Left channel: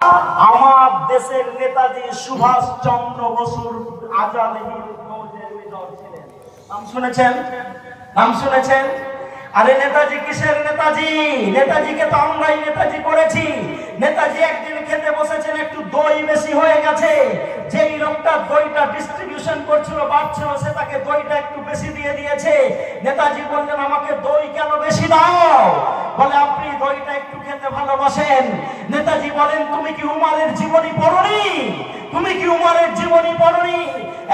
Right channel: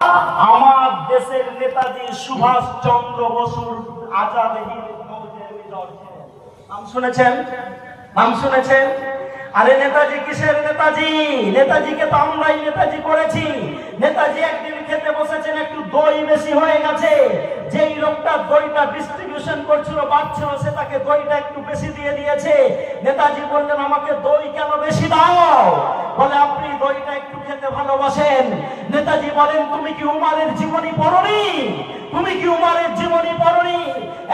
আমার দেশের নেতাজি সুভাষ চন্দ্র বসুর আজাদ হিন্দ ফৌজের মেজর ছিলেন। নাম শুনেছেন? নাম শুনেছেন? আরে নেতাজি কিসের নেতাজি? নেতাজিকে তো আমরাই নেতাজি করেছি। নেতাজি একদিন খেতে বসেছেন, একটু দই বেশি হয়ে গেছে। যেই লোকটা দইটা ডিস্ট্রিবিউশন করছিল, বাড়ছিল, সে তাকে দইটা একটু বেশি দিয়ে দিয়েছে। নেতাজি বললেন, আমাকে দই কেন বেশি দাও? বলে, আপনি দইটা একটু খেতে ভালোবাসেন। নেতাজি বলেন, তুমি কি উমারের জীবনী পড়নি? তুমি কি উমারের জীবনী পড়নি?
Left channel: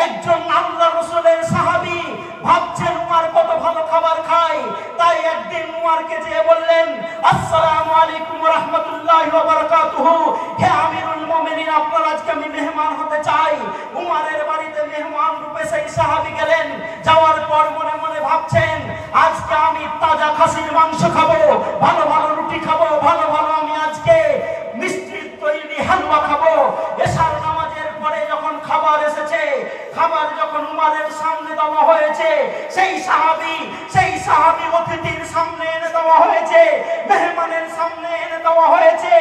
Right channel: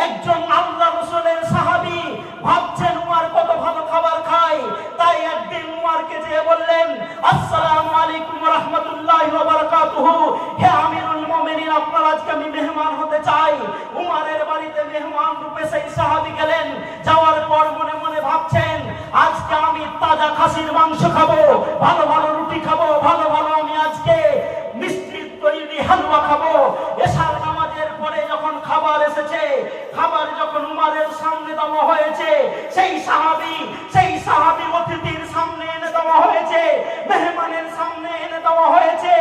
একজন আল্লাহ রাসূলের সাহাবী ভাবছেন উমার কত ভালো খাবার খায়, তাই একদিন উমারকে যেয়ে বললেন, আসসালামু আলাইকুম ওয়া রাহমাতুল্লাহি ওয়া বারাকাতুহু, হে আমিরুল মুমিনিন, আপনার আজকে আমি মেহমান হতে চাই। উমারের বাড়িতে মেহমান রূপে সেই সাহাবী গেলেন। যাওয়ার পর মনে মনে ভাবছেন, আজকে আমি তাজা খাসির মাংস খাবো, ভালো ভালো রুটি খাবো, ভালো ভালো আমি আজকে মিষ্টি তৈরি হালুয়া খাবো। এশার নামাজের পরে যখন খাবার এসেছে, খাবার যখন উমারের সামনে দেওয়া হয়েছে, সেই সাহাবী অতিথির সামনে এনে দেওয়া হয়েছে, মেহমানের সামনে এনে দেওয়া হয়েছে।